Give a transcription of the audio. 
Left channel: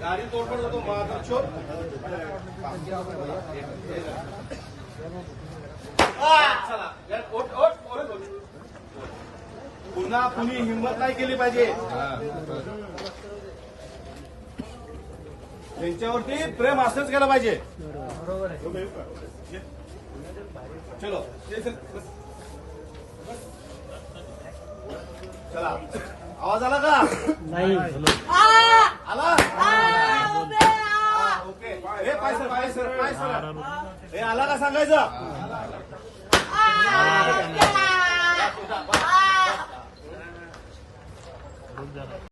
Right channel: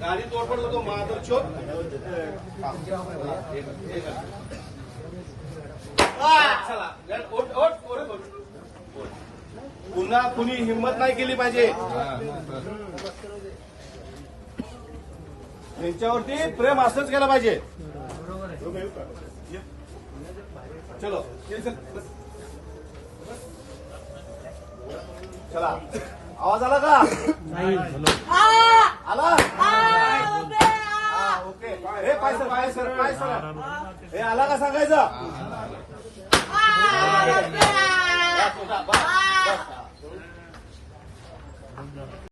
गाडी तोडफोड होतो माधव चोर. पुन्हा कुणी हिंमत नाही केली पाहिजे. त्यांच्यावरती प्रेम असंच केलं पाहिजे. चलो. ये चल, बस. चला आवाज आला का? नाही. आला? हा, ओके. हे पाय सर पाय सर पाय सर. हे. आला का सांगायचं? 卖树上